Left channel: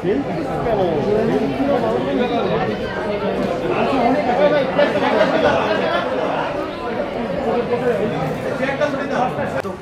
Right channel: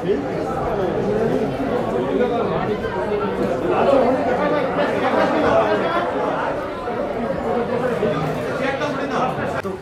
তো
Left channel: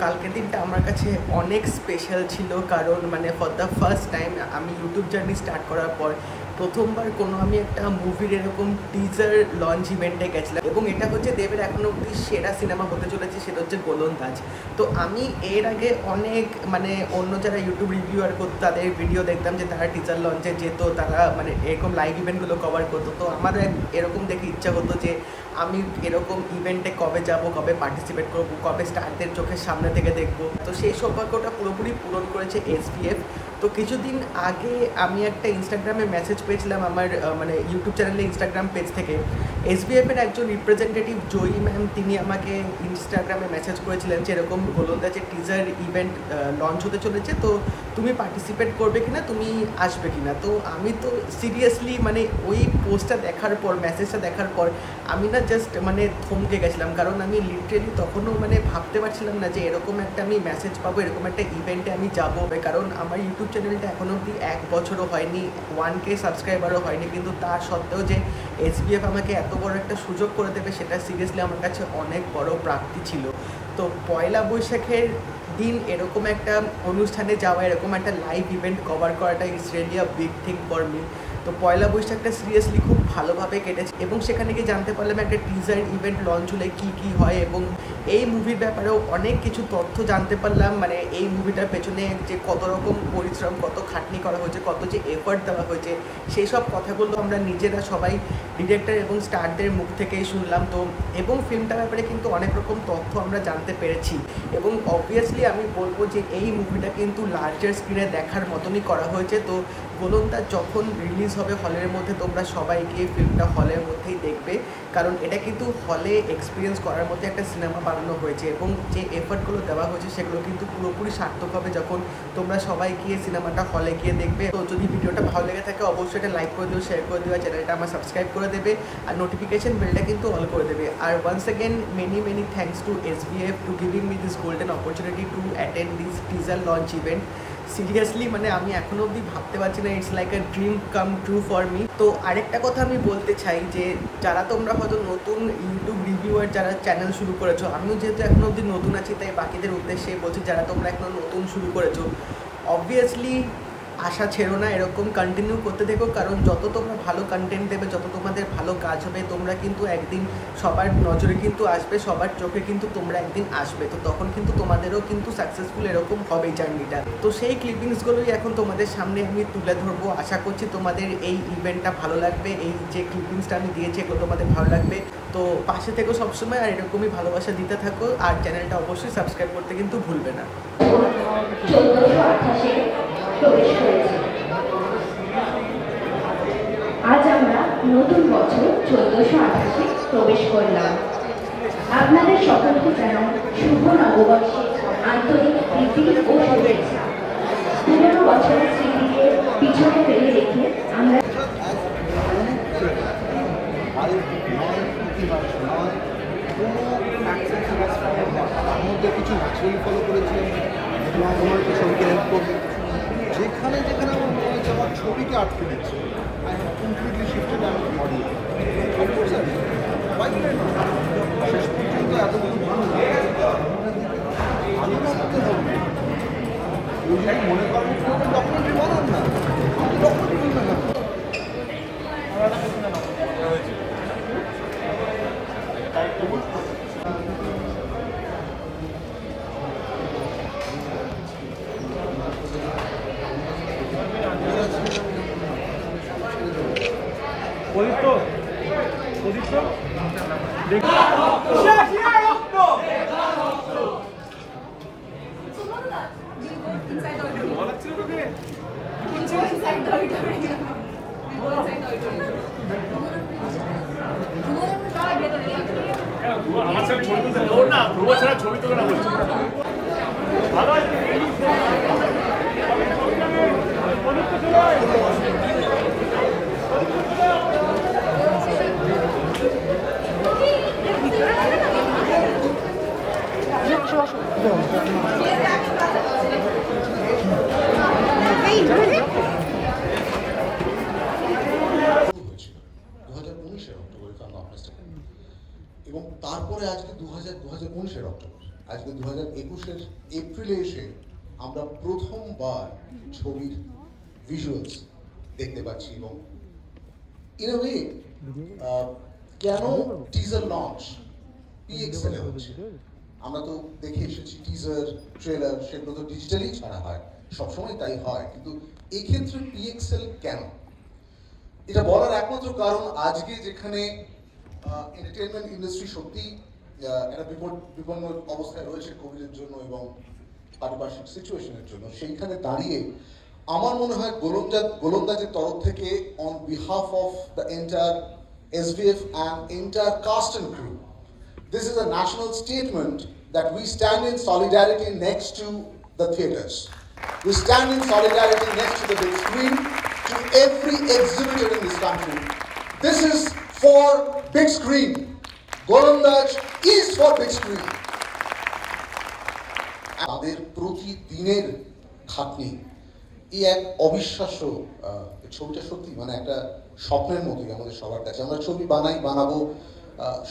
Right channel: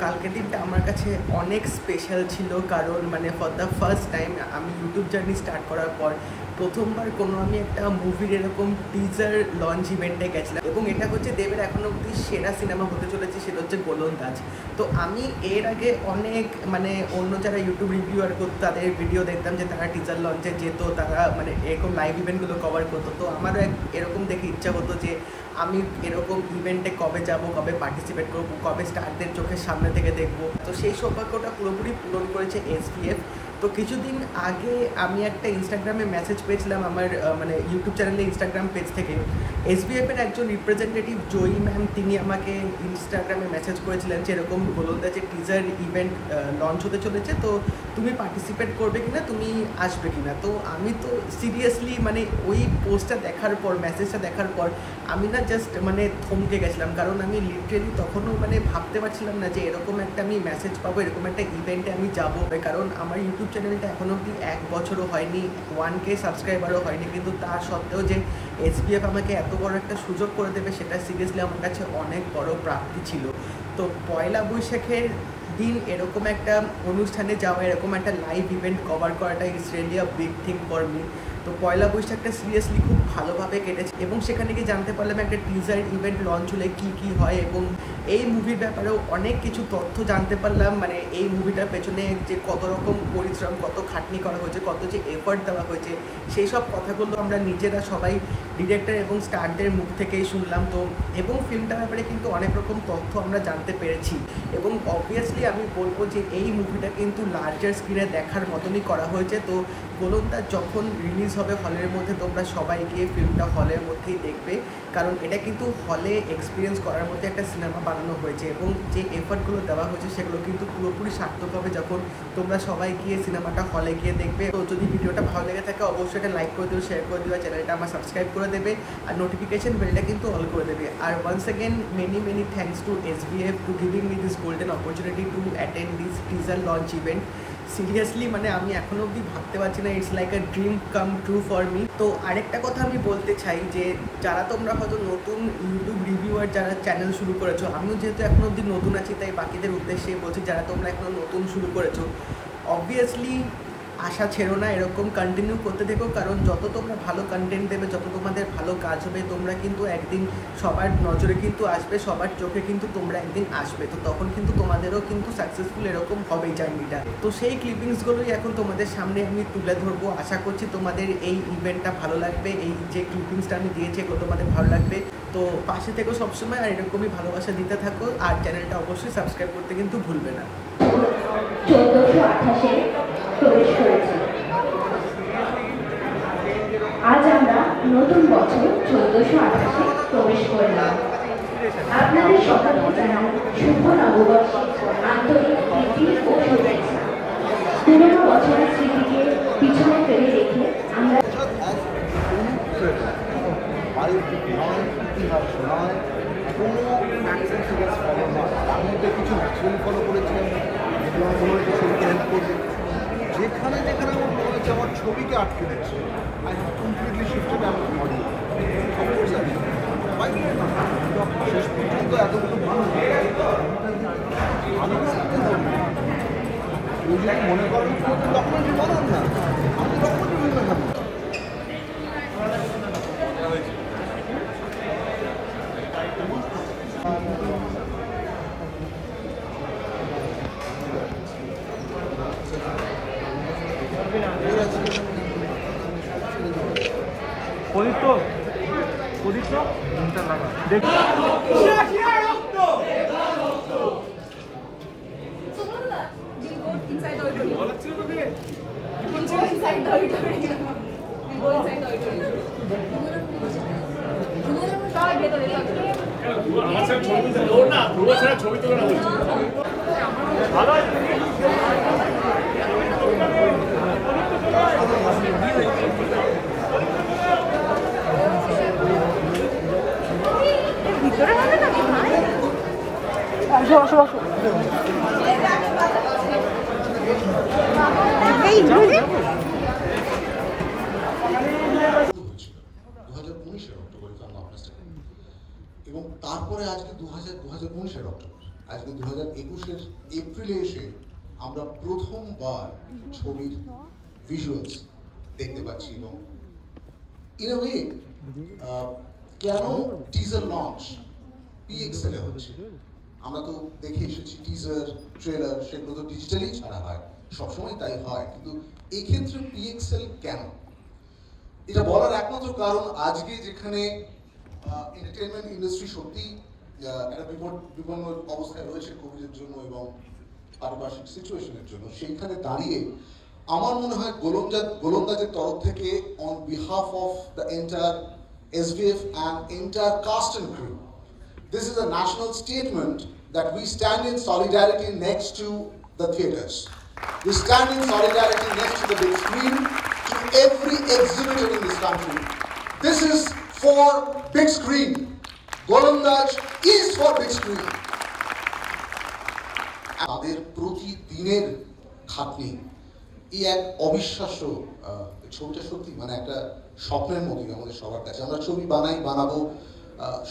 কালকের দিনটা আমার কাছে অনেক স্পেশাল ছিল, কারণ মানে ফর দ্য ফার্স্ট টাইম আমি ইউটিউব জার্নি স্টার্ট করার পর প্রথমবার কোনো আমি একটা মুভির এরকম টিজার লঞ্চ ইভেন্টে গেছিলাম, এবং এটা হচ্ছে দেবের এখনো অবধি সেরা সিনেমা হতে চলেছে, সেটা হচ্ছে গোলন্দাজ। তো আমি এর আগে অনেক মানে অন্য যারা ইউটিউব রিভিউয়ার করতো তাদের ভিডিও দেখতাম যে তারা টিজার লঞ্চে যেত, তারা মানে এরকম লাইভ ইভেন্টগুলো কভার করতো। তো আমারও এরকম দেখে ইচ্ছা হতো যে আমি এরকম ইভেন্টে কবে যাব, কবে পার্টিসিপেট করবো, কবে স্টারদের চোখের সামনে থেকে দেখবো। তো সেই সৌভাগ্যটা পুরোপুরি পূরণ করেছে এসপিএফ। তো কিছুদিন আগে আমি একটা ইনস্টাগ্রামে মেসেজ পেয়েছিলাম আমার মানে ইউটিউব চ্যানেলে ইনস্টাগ্রাম পেজ থেকে। এসবিএফের একজন রিপ্রেজেন্টেটিভ জয়ী ম্যাম, তিনি আমাকে ইনস্টাগ্রামে মেসেজ করেছিলেন যে এরকম গোলন্দাজের টিজার ইভেন্ট লঞ্চ হতে চলেছে, তো তুমি পার্টিসিপেট করবে কিনা, তুমি আসবে কিনা। তো আমি তো সিরিয়াসলি মানে ওই পোস্টটা দেখার পর, মেসেজটা দেখার পর আমি না জাস্ট মানে থমকে গেছিলাম, কারণ আমি লিটারেলি তখনও মানে ভাবতে পারছিলাম না যে এরকম একটা আমি মেসেজ পাবো, এরকম একটা ইভেন্টে আমি যাবো। কারণ আমার ইউটিউব চ্যানেলটা এখনও অবধি 1 বছরও হয়নি, 1K সাবস্ক্রাইবারও হয়নি, কিন্তু তা সত্ত্বেও যে এসবিএফ আমাকে এত বড় একটা সুযোগ করে দেবে সেটা সিরিয়াসলি আমার কাছে অনেক বড় প্রাপ্তি ছিল। তো পয়লা বৈশাখের দিন এরকম একটা অনুষ্ঠানে যাওয়া, এরকম একটা লাইভ ইভেন্ট কভার করাটা is really a big thing for me. তো পয়লা বৈশাখটা সিরিয়াসলি খুব ভালোভাবে কেটেছে, এবং সেখানে গিয়ে জানতে পারলাম একটা টিজার ইভেন্ট লঞ্চ হলে কী কী হয়, এবং এই মুভির ব্যাপারেও অনেক কিছু তথ্য জানতে পারলাম। মানে এই মুভিটার পেছনে যে কত রকম পরিশ্রম, কত খাটনি করা হয়েছে, কত যে এফর্ট দেওয়া হয়েছে, সেই সব কথাগুলো আমরা নিজেরা সবাই ডিরেক্টর এবং স্টারদের মুখ থেকেই শুনলাম। তো এবং ফিল্মটার ব্যাপারে কিন্তু অনেক রকম তথ্য আমরা জানতে পেরেছি, এবং অবভিয়াসলি আমি বলবো যে এই মুভিটা কিন্তু লার্জার স্ক্রিনে দেখার মতনই করা হয়েছে। তো গোলন্দাজ যখন রিলিজ হবে হলের মধ্যে, তোমরা সবাই গিয়ে ফিল্মটা হলের মধ্যেই দেখবে, কারণ এটা কিন্তু হলে এক্সপিরিয়েন্স করার মধ্যে একটা সিনেমা বানানো হয়েছে, এবং যে এফর্টগুলো দেওয়া হয়েছে সেগুলো কিন্তু পুরোপুরি সার্থক হবে যখন তোমরা সবাই গিয়ে সিনেমাটা হলে গিয়ে দেখবে। তো যদি ভিডিওটা ভালো লেগে থাকে অবশ্যই এটা লাইক করে দিও, শেয়ার করে দিও, চ্যানেলটা আমার সাবস্ক্রাইব করে দেবে, আর নোটিফিকেশন বেলটা কিন্তু অল করে দেবে। আর once again many thanks to SBF to giving me this golden opportunity to attend this teaser launch event. Seriously মানে আমি এখনও অবধি ভাবতে পারছি না, it's like a dream come true for me. তো আরেকটা কথা আমি বলতে চাই যে যারা তোমরা হয়তো নতুন ইউটিউব রিভিউয়ার যারা চ্যানেল শুরু করেছো, আমিও যেহেতু এখনও অবধি নতুন আছি তাই বাকিদের উদ্দেশ্যে বলছি, যারা তোমরা এখনও নতুন শুরু করেছো অবভিয়াসলি আশা ছেড়ো না, এরকম কন্টিনিউ করতে থেকো, কারণ যত তোমরা ভালো কন্টেন্ট দেবে, যত তোমাদের ভালো কাজ হবে, তোমরা কিন্তু একদিন সবার নজরে কিন্তু আসবে, সবার চোখে কিন্তু তোমরা একদিন আসবে। তো তখন কিন্তু তোমাদেরও কিন্তু সাকসেসফুল এরকম হবে জার্নিটা। তো সেই ক্লিপিংসগুলোই এখন তোমাদের সামনে আমি তুলে ধরবো। আশা করছি তোমাদের এই ইভেন্টটা ভালো লাগবে, এই যে ক্লিপিংসটা আমি দিয়েছি এগুলো তোমাদের ভালো লাগবে। তো পাশে থেকো সবসময়, আর এরকমই ভালোবাসা দিতে থাকো, আর চ্যানেলটা অবশ্যই সাবস্ক্রাইব করতে কিন্তু ভুলবে না। 1428 প্রবেশ করেছি। আজ আমরা নতুন বছর 1428 প্রবেশ করলাম। আপনাদের সকলকে জানাই শুভ নববর্ষের আন্তরিক প্রীতি ও শুভেচ্ছা। পুরনো বছরের স্মৃতিকে পিছনে ফেলে রেখে আমরা ইতিহাস নয়, কোনো অ্যাকশন সিরিয়াস ফলো নয়, তার মধ্যে কিছু ন্যাচারালি ফলো করেছিলাম, যেগুলো আমার মনে হচ্ছে ছবিকে হেল্প করবে। যেখানে যেখানে আমার মনে হচ্ছে আমার ছবিকে আটকে দিচ্ছে, I have completely shifted and audio. Of course আর শেষ পর্যন্ত এতগুলো মানুষ ভালো লাগতে হবে। কেউ যদি মনে করেন ডকুমেন্টারি বানান না, আমি ডকুমেন্টারি বানাবো। পবিত্র পবিত্র আমার সাথে ছবি তুলতে ওর না ধ্রুব ছাড়া ছবি তুলে না বলছি ভালো আছে বসো বসো যাবো এপ্রিলে এসে আমরা প্রথমবার ছবির ভিজুয়ালস দেখতে পাচ্ছি এবং ইন আ ওয়ে কেন টিজার লঞ্চ PXL এ হচ্ছে। আমরা তো দেখে এসেছি টিজার ট্রেলার সেগুলো তো ডিজিটালি ছাড়া হয়, সবসময় তাই হয়, কিন্তু এক্ষেত্রে PXL কেন? এটা বলার একমাত্র কারণ আজকে যেখানে এন্টারটেনমেন্ট ইন্ডাস্ট্রি সত্যি একটা বিপন্ন অবস্থায় রয়েছে কোভিডের জন্য এবং পারিপার্শ্বিক সিচুয়েশনের জন্য, সেইখানে দাঁড়িয়ে আমার মনে হয় গোলন্দাজের তরফ থেকে on behalf of the entire SVF and entire cast and crew, this is a national statement that we stand in solidarity next to the theatres. We stand in solidarity next to the big screen, to every exhibitor in this country. This is for big screen. Golondaj is for big screen. তাদের প্রতিদিনের খাটনি, এই এক অবিশ্বাস্য ছবিটা সত্যি মানে একটা স্বপ্নের মতোই আমাদের সবার কাছে। আমরা ছবি বানাবো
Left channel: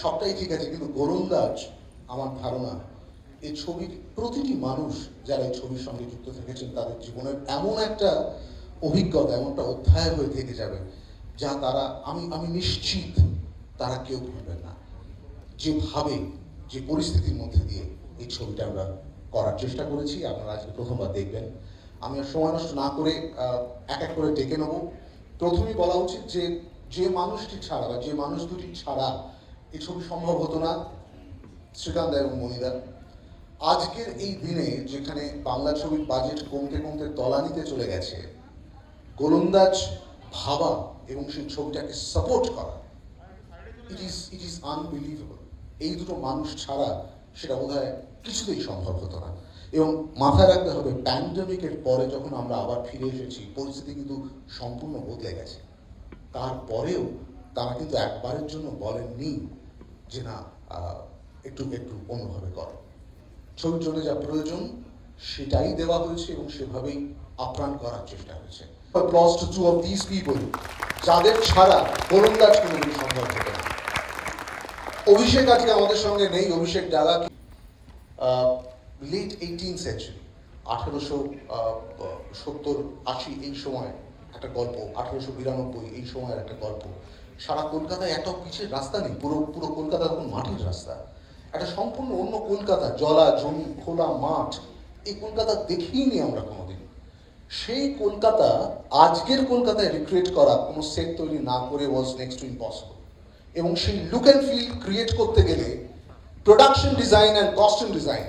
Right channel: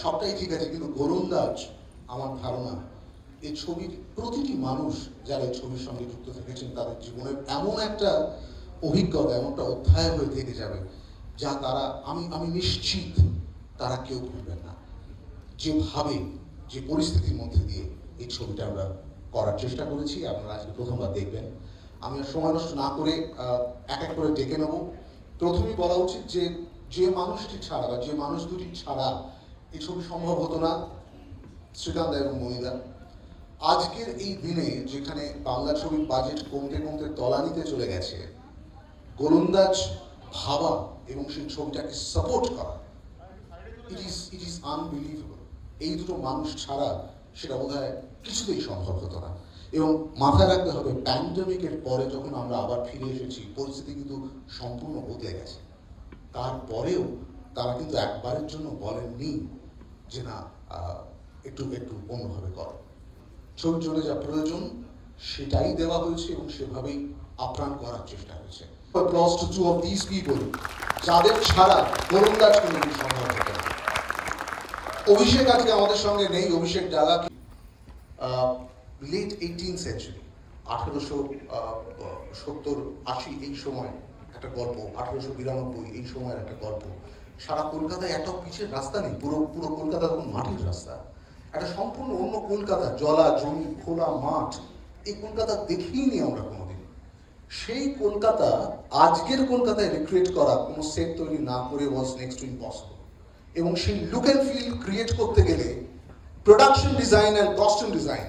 সবটাই ঠিক আছে, কিন্তু গোলন্দাজ আমার ধারণা এই ছবির প্রতিটি মানুষ যারা এই ছবির সঙ্গে যুক্ত থেকেছেন তাদের জীবনের এমন একটা অভিজ্ঞতা, এমন একটা অধ্যায় হয়ে থেকে যাবে যা তারা আমি নিশ্চিত তারা কেউ ভুলবেন না। যেভাবে যে পরিস্থিতির মধ্যে দিয়ে এই ছবিটা আমরা করার চেষ্টা করেছি, আপনারা আজকে প্রথমবার দেখবেন। আমি আর সময় নষ্ট না করে এক এক করে ডেকে নেব। প্রথমেই বলা উচিত যে মানুষটি ছাড়া বা যে মানুষ দুটি ছাড়া এই ছবি সম্ভব হতো না, শ্রীকান্ত এবং মনিদা। আজকের এই দিনে যেখানে বাংলা ছবির বাজেট কমতে কমতে তলানিতে চলে গেছে, গোলন্দাজ ভাবা এবং সেই ছবিটাকে সাপোর্ট করা, ইট ইজ আনবিলিভেবল। এই দুটো মানুষ ছাড়া সেটা বোধহয় কিছুতেই সম্ভব হতো না। এবং মাথায় রাখতে হবে, প্যান্ডেমিকের পরে যখন আমরা আবার ফিরে এসেছি, পরিস্থিতি কিন্তু সম্পূর্ণ বদলে গেছে। তারপরেও তারা কিন্তু একবারের জন্য বলেননি যে না একটু অন্যভাবে করো। ছবির জন্য যা প্রয়োজন সেটাই দেওয়া হয়েছে এবং সেভাবেই আপ্রাণ করার চেষ্টা হয়েছে। Applause to two of these people, যাদের ছাড়া গোলন্দাজ কিন্তু সম্ভব হতো না। অভিষেক আজকে আমাদের সঙ্গে নেই। অভিষেক ডালা লেট 18th সেঞ্চুরি, 1870-80 এই সময় একটা গল্প, 1892 এই সময়ের একটা গল্প। সারা কলকাতায় এত পিচের রাস্তা নেই, পুরো কলকাতা তখন মাটির রাস্তা, একটা সম্পূর্ণ অন্য কলকাতা, জলা জমি খোলা মাঠ। এই কলকাতা দেখিনি আমরা কোনোদিন। সেই কলকাতা আজকের কলকাতায় রিক্রিয়েট করা, কোনো সেট তৈরি না করে ওয়াজ নেক্সট টু ইম্পসিবল। এবং সেই লুক অ্যান্ড ফিল ক্রিয়েট করতে গেলে production design and costume design,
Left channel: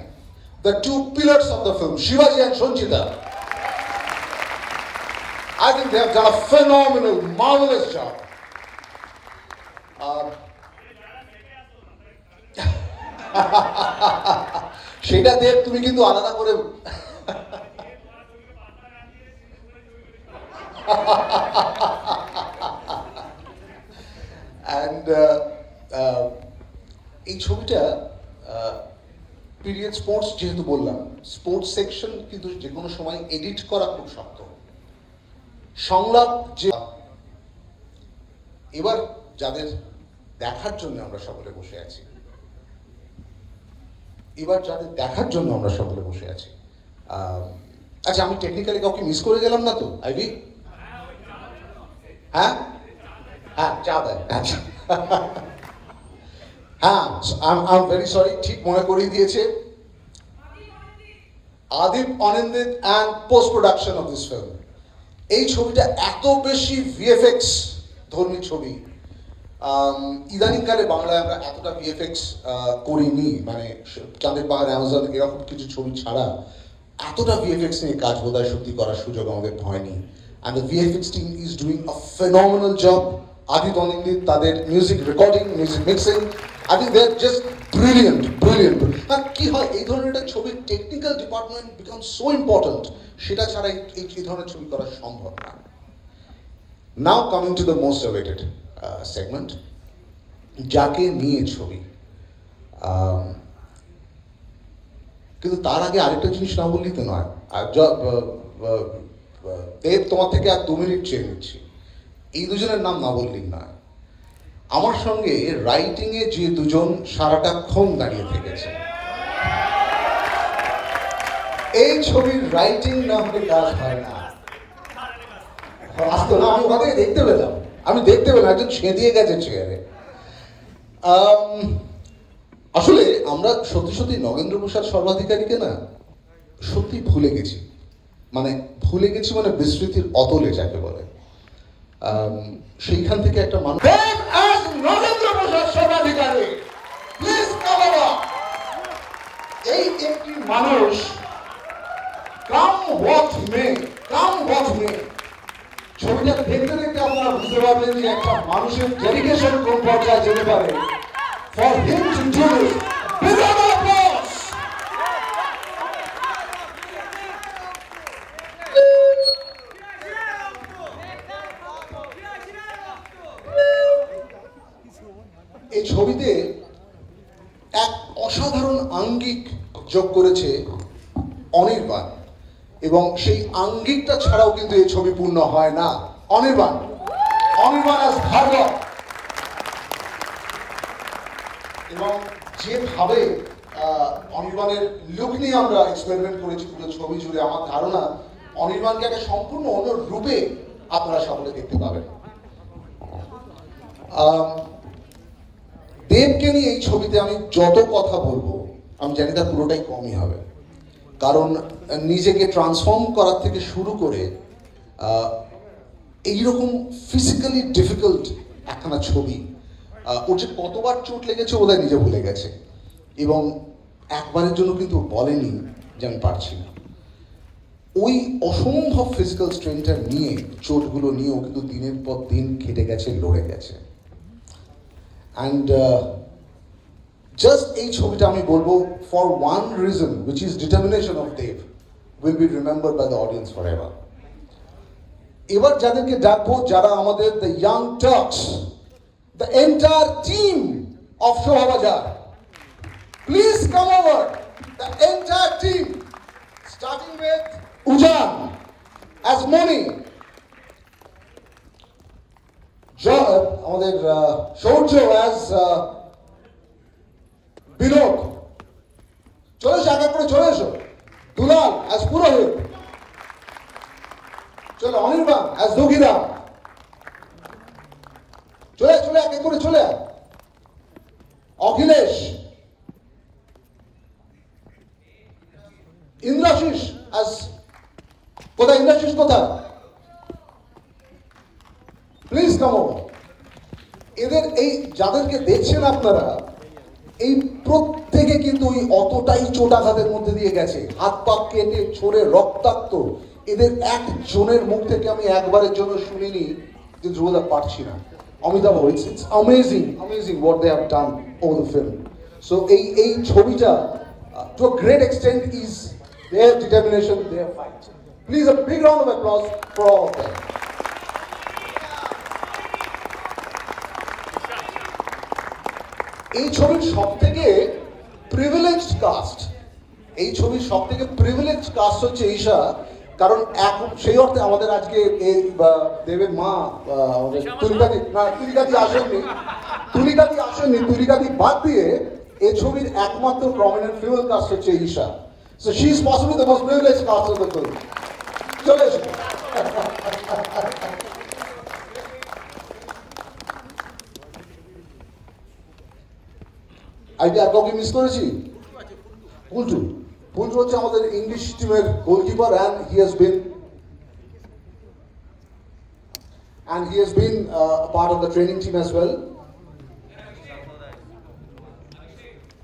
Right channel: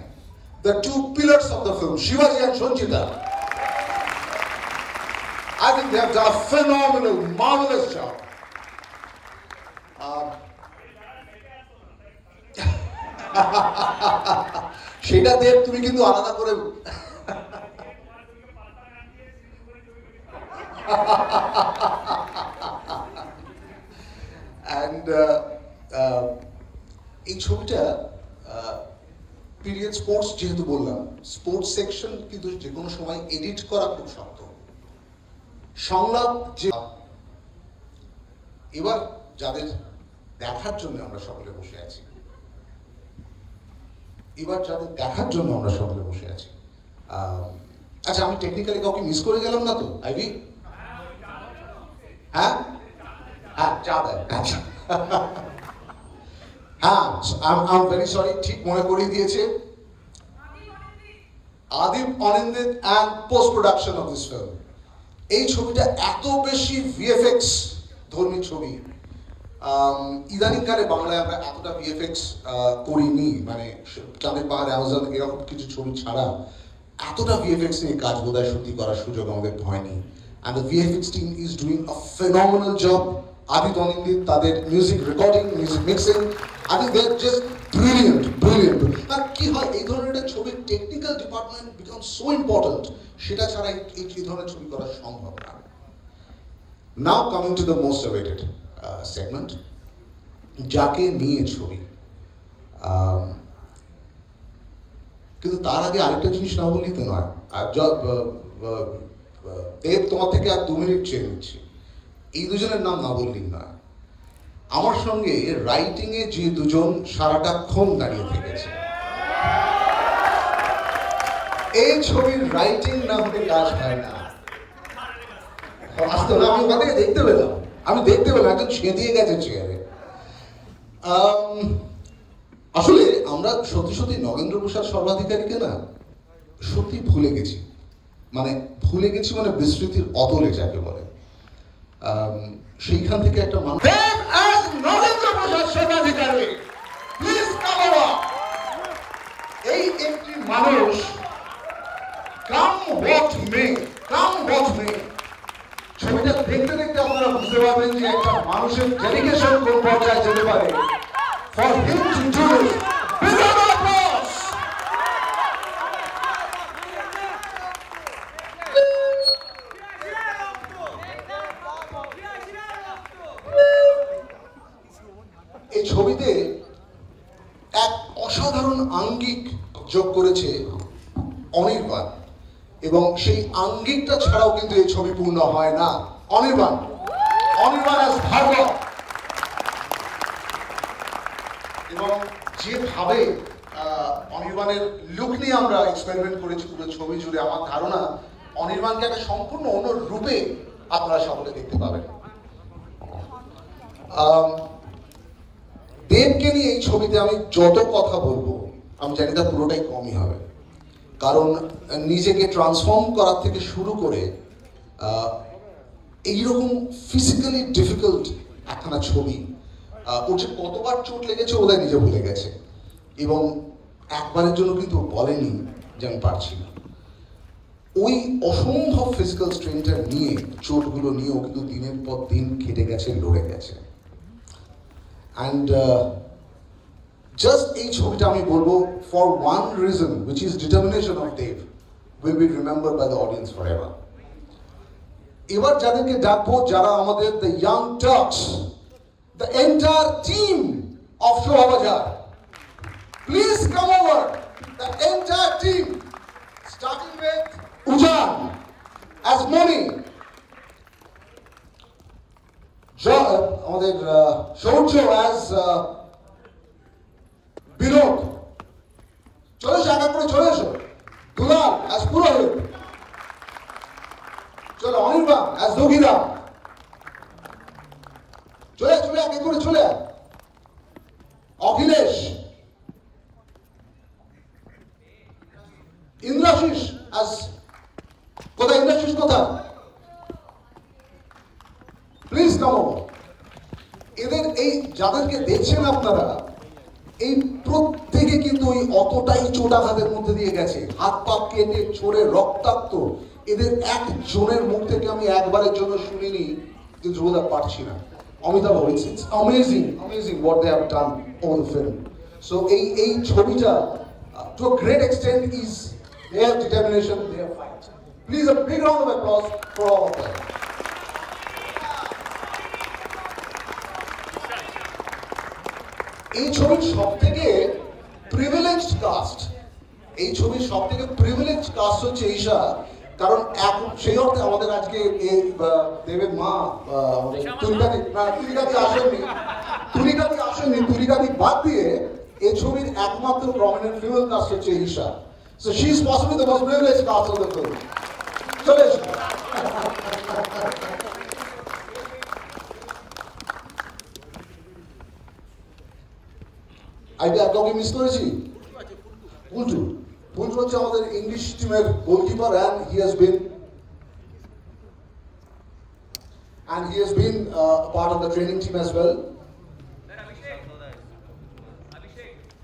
the two pillars of the film, Shivaji and Sanchita, I think they have done a phenomenal, marvelous job. সেটা দেব তুমি কিন্তু আলাদা করে and এই ছবিটা পিরিয়ড স্পোর্টস, যেহেতু বললাম স্পোর্টস সেকশন কিন্তু যে কোনো সময় এডিট করা খুব শক্ত। সংলাপ যে এবার যাদের দেখার জন্য আমরা সকলে বসে আছি, আচ্ছা আমি টেকনিক্যালি কাউকে মিস করে গেলাম না তো? আইভি হ্যাঁ চা দেয়। আচ্ছা হ্যাঁ, I'm very sorry, ঠিক মনে করিয়ে দিয়েছে। আদিপ Anindita and post production of this film, এই ছবিটা এত বেশি VFX ধর্মী ছবি, ইদানিংকালে বাংলায় আমরা এতটা VFX করিনি, মানে চাঁদের পাহাড়, অ্যামাজন এরকম কিছু ছবি ছাড়া এতটা VFX নিয়ে কাজ বোধহয় সত্যি করার সুযোগ আমাদের হয়নি। and the VFX team is doing a phenomenal job. Adit Anindita, তাদের music recording, music mixing, I think they're just brilliant. আর কি হয়, এই ধরনের একটা ছবির technical department become so important, সেটা ছাড়া এই ধরনের ছবি করা সম্ভব না। নাও coming to the most awaited segment, যাকে নিয়ে ছবি। কিন্তু তার আগে আরেকটা জিনিস না বললেই তো নয়। দেব, তোমার থেকে আর 2 মিনিট চেয়ে নিচ্ছি, এই দুজনের নাম না বললেই নয়। আমার সঙ্গে রাইটিং এ যে দুজন সারাটাক্ষণ দাঁড়িয়ে থেকেছে, এই ছবির রাইটিং না হলে কাজ হয় না। বাস্তবে আমি ওখান থেকে দেখতে পেলাম, একজন ছেঁদিয়ে গেছে চেয়ারে। আসলে আমরা সত্যি সত্যি নগেন্দ্র প্রসাদ সর্বাধিকারীকে না সত্যি ভুলে গেছি, মানে বিস্মৃতির অতলে যাকে বলে। সেইখান থেকে একটা মানুষ এই একটি মানুষ ছবিটা দেখতে দেখতে আপনারা বুঝতে পারবেন যে একটা মানুষের ডেডিকেশন কোন পর্যায়ে যেতে পারে। For him to do this, big round of applause. এই ছবিতে এক অসাধারণ আঙ্গিক যোগ করেছে অনির্বাণ, এবং সেই আঙ্গিকটা ছাড়াও কিন্তু এই ছবি পূর্ণ হয় না। অনির্বাণ as ভার্গব, এবং যেভাবে অনির্বাণের লুক নিয়ে আমরা এক্সপেরিমেন্ট করেছি পুরো ছবি জুড়ে, আমার ধারণা অনির্বাণকে একটা সম্পূর্ণ অন্য রূপে আপনারা সামনে দেখতে পাবেন। দেবকে নিয়ে এই ছবিতে আমি যত কথা বলবো আমি জানি তার পুরোটাই কমই হবে, কারণ নিজেকে ট্রান্সফর্ম করার থেকে শুরু করে এইরকম ফিজিক্যালি ডিফিকাল্ট একখানা ছবি, ওর যে কতবার চোট লেগেছে বোধহয় নিজে ভুলে গেছে, এবং একবারের জন্য কিন্তু বলেনি যে আমি পারছি না। ওই অসম্ভব ফিজিক্যাল স্ট্রেনটা নিয়ে, চোটগুলো নিয়েও কিন্তু দিনের পর দিন খেটে গেছে, লড়ে গেছে। অ্যান্ড জাস্ট এই ছবিটা আমি বলবো, for one reason which is determination of Dev, will be remembered by the audience forever. এবার যাদেরকে ডাকবো, যারা আমাদের the young Turks, the entire team of Shohabajar. Please come over, the entire team, starting with Ujan as Moni, আমাদের Shaurya as Binod, চলে এসো, এক এক করে চলে এসো। দুলাল as পুরোহিত, চলো অনির্বাণ as দগিরা, চলে এক এক করে চলে। অখিলেশ, ইন্দ্রাশিস কোথায়? ইন্দ্রাশিস কোথায়? Please come over. এদের এই যাদেরকে দেখছেন আপনারা, এই প্রত্যেকে কিন্তু ওই অতটাই চোটাঘাতের মধ্যে দিয়ে গেছে, হাত পা কেটে ছড়ে রক্তাক্ত। এদের একজনের মুখ থেকে আমি একবারের জন্য শুনিনি যে ধ্রুবদা পারছি না। Amitabh, it's amazing what they have done over the film. So এই ছবিটা to a great extent is their determination, their fight. Please a big round of applause for all of them. এই ছবির সবথেকে প্রিভিলেজড কাস্ট হচ্ছে ঈশা, কারণ এখন সেই অর্থে আমাদের আজকে দেবের মা তুলিকাতি বাদ দিয়ে এই ছবির একমাত্র প্রমিনেন্ট ফিমেল কাস্ট হচ্ছে Isha. So she is possibly the most privileged cast of the film. চলে এসো। কাউকে মিস করেছি? পুন্টু হচ্ছে আমাদের ইংলিশ টিমের goalkeeper, and he has been a part of the training team as well.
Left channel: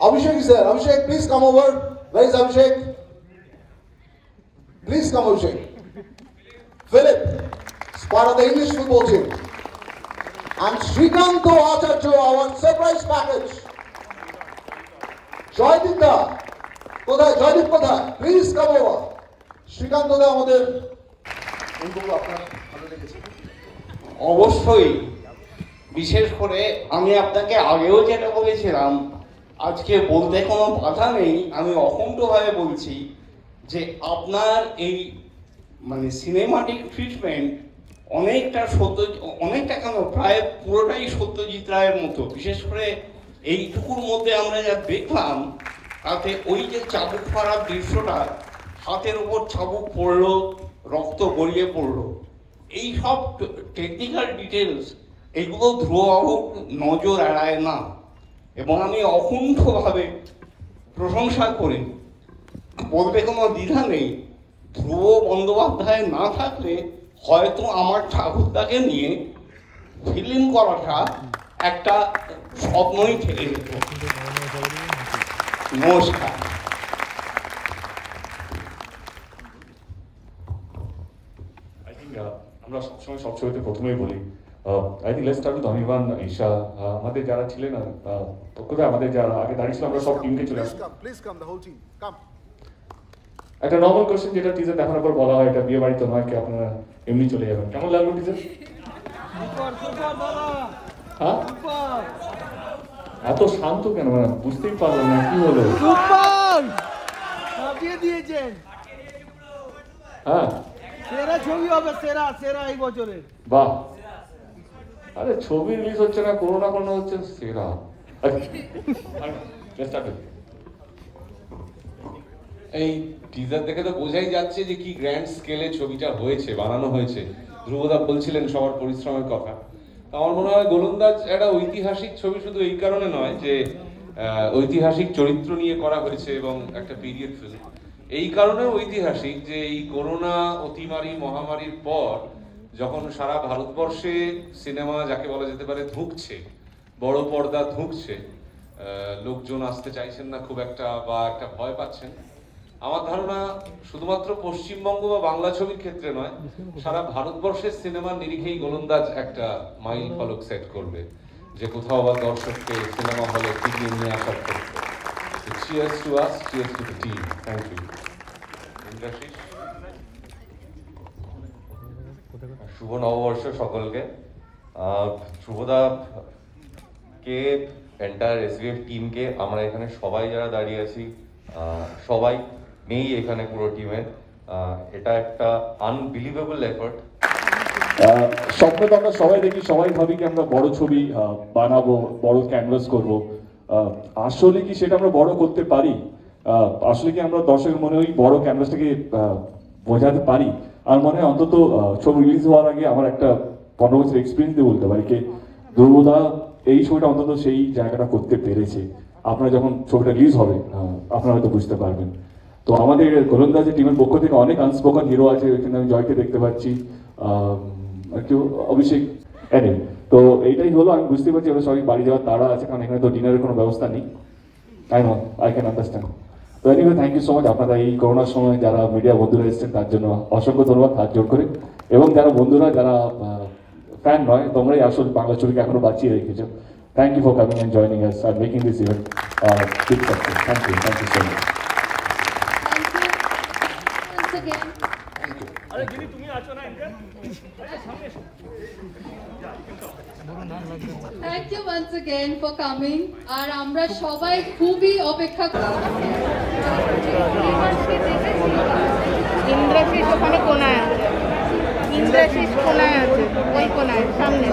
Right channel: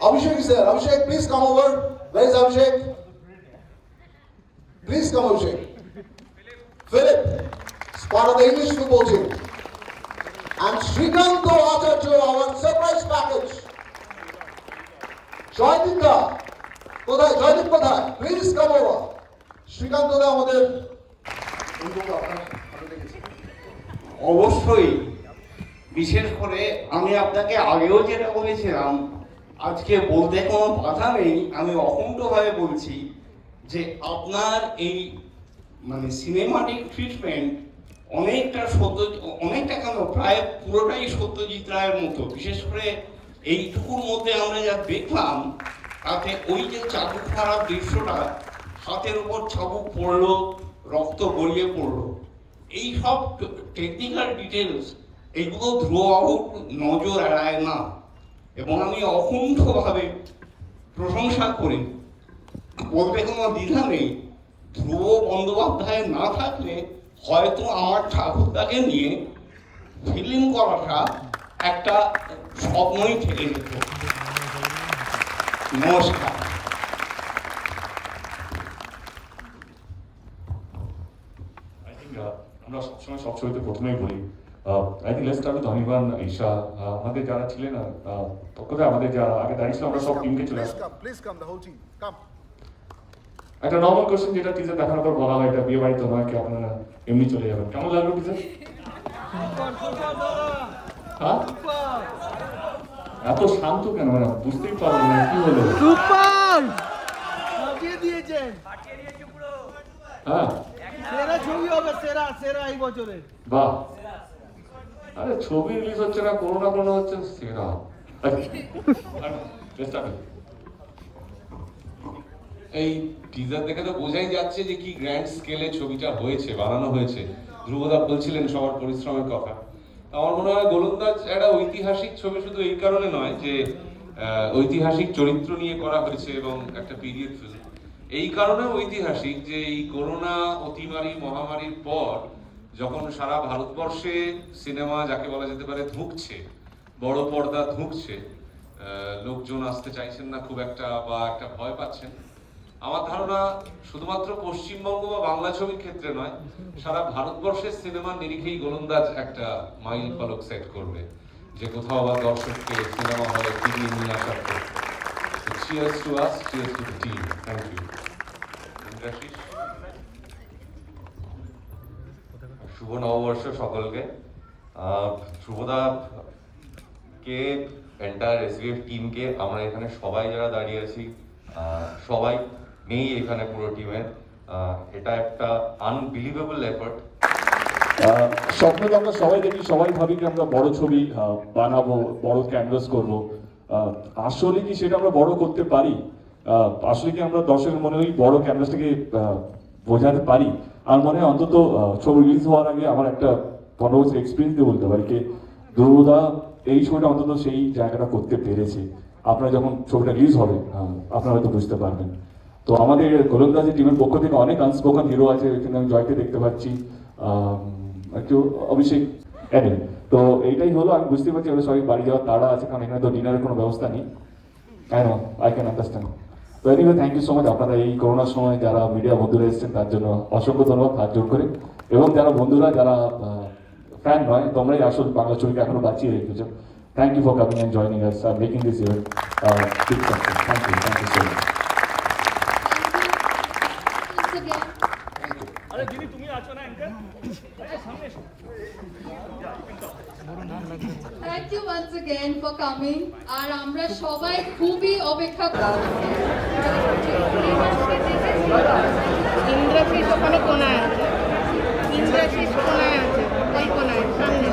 Abhishek is there. Abhishek, please come over. Where is Abhishek? Please come, Abhishek. Philip is part of the English football team. And Srikanto Acharya, our surprise package. Joydip da, কোথায়? জয়দীপ কোথায়? Please come over. Srikanth da আমাদের অবশ্যই, বিশেষ করে আমি আপনাকে আগেও যেটা বলেছিলাম, আজকে বলতে কোনো বাধা নেই, আমি অখণ্ডভাবে বলছি যে আপনার এই মানে সিনেমাটিক ট্রিটমেন্ট অনেকটা কেন প্রায় পুরোটাই সত্যজিৎ রায়ের মতো। বিশেষ করে এইটুকুর মধ্যে আমরা যা দেখলাম, তাতে ওই যে চাবুক মারার দৃশ্যটা, হাতের উপর চাবুক পড়লো, রক্ত গড়িয়ে পড়লো, এই সব টেকনিক্যাল ডিটেলস এগুলো ধ্রুববাবুর নজর এড়ায় না। এবং আমি অকুণ্ঠভাবে প্রশংসা করি, বলতে কোনো দ্বিধা নেই, ধ্রুব বন্দ্যোপাধ্যায় না থাকলে হয়তো আমার ঠাকুরদাকে নিয়ে ফিল্ম করাটা একটা স্বপ্নই থেকে যেত। নমস্কার। আমরা সবসময় সব ছবিতে প্রথমেই বলি, I think let's start with Anirban, Isha, আমাদের যারা ছিলেন কোথায়, আমাদের যারা আগে দাঁড়িয়েছিল, আমরা সব টিমকে চলে আসি। Please come, the whole team, come. একটা নর্মাল কোশ্চেন যেটা টিজার দেখার পর বলা হয়, এটা বিয়ে বাড়ি তো নয়, কি আপনারা এমনি চলে যাবেন, কেমন লাগলো টিজার? হ্যাঁ, এত শান্ত কেন, মানে বুঝতেই পারবো না কি হলো। দিয়েছেন, হ্যাঁ, সেরা ছবি হবে, সেরা সেরা এই বছরের। বাহ, আরে ছবি রিলিজ হচ্ছে না, করোনা হচ্ছে, সেরা। এই টিজার দেখে তো বোঝাই যাচ্ছে যে কি গ্র্যান্ড স্কেলে ছবিটা হয়েছে, বানানো হয়েছে। ধ্রুবদা বলছিলেন সবার পরিশ্রমের কথা। আমার মনে হয় গোলন্দাজ একটা ঐতিহাসিক ছবি শুধু এই কারণে নয় যে ঐতিহাসিক চরিত্র নিয়ে করা হয়েছে এবং একটা পিরিয়ড ফিল্ম, এই কারণে ঐতিহাসিক যে এই করোনা অতিমারি মহামারীর পর যখন সারা ভারতবর্ষে সিনেমা যাকে বলা যেতে পারে ধুঁকছে, বড় পর্দা ধুঁকছে, লোকজন আসতে চাইছেন না খুব একটা বা একটা ভয় পাচ্ছেন, আমার ধারণা শুধুমাত্র পশ্চিমবঙ্গ বা বাংলা ছবির ক্ষেত্রে নয়, সারা ভারতবর্ষের সিনেমার নিরিখেই গোলন্দাজ একটা মাইল ফলক সেট করবে, যে কোথাও আবার দর্শককে সিনেমা হলে ফিরিয়ে নিয়ে আসার পর। Cheers to us, cheers to the team. Thank you. শুভ নববর্ষ সকলকে। শুভদা কে এন্টায়ার এসবিএফ টিমকে, আমরা এখানে সবাই যারা দাঁড়িয়ে আছি সবাই নেই এখানে পুরো টিমে, এটা একটা আনবিলিভেবল এফর্ট। স্বপ্নে তো আমরা সবাই দেখি, সবাই ভাবি কি আমরা বড় ছবি বানাবো, বড় ক্যানভাস করব, আসলে কি সেটা আমরা বড় করতে পারি? আসলে কি আমরা দর্শকের মনে ওই বড় ক্যানভাসটাকে বোঝাতে পারি? আমার মনে হয় অন্তত ছবি রিলিজ হওয়ার আগে আমার একটা 15 বছর এক্সপিরিয়েন্স দিয়ে বলতে পারি কি ধ্রুবদা এই ছবিটা অন্তত সেই জায়গাটা করতে পেরেছে। আপনারা যখন ছবিটা রিলিজ হবে আপনারা হয়তো বুঝতে পারবেন। তো আমাদের গোলন্দাজের টিমের পক্ষ থেকে অনেক আনস্পোকেন হিরো আছে, এখানে আমি জয়কে দেখতে পাচ্ছি, কেউ অভিষেক, এডেন। তো এইটাই হলো, আমি বুঝতে পারছি আমরা সবাই বাড়ি যাওয়ার তাড়া আছে, কারণ এখানে তো ডিনারের কোনো ব্যবস্থা নেই। I can understand. তো anyway thank you so much আপনারা এই করোনার সময় যারা মিডিয়া বন্ধুরা এসেছেন তার জন্য অসংখ্য ধন্যবাদ, হাত জোর করে। এবং যারা বন্ধুরা যারা ফ্যান নয়, তোমরাই আসল বাংলা ছবিকে এখনো বাঁচিয়ে রেখেছো। Thank you for coming and joining us আর making this event big success. Thank you so much. আরে দিদি তুমি আছো না অ্যাঙ্কার, আচ্ছা সামনে এসো। Thank you once again for coming. আর আমরা সবাই খুবই অপেক্ষা করছি। ইন্দ্রাশিস ওখানে কোনায় আছে, ইন্দ্রাশিস কোনায় আছে, ওই কোনায় সামনে।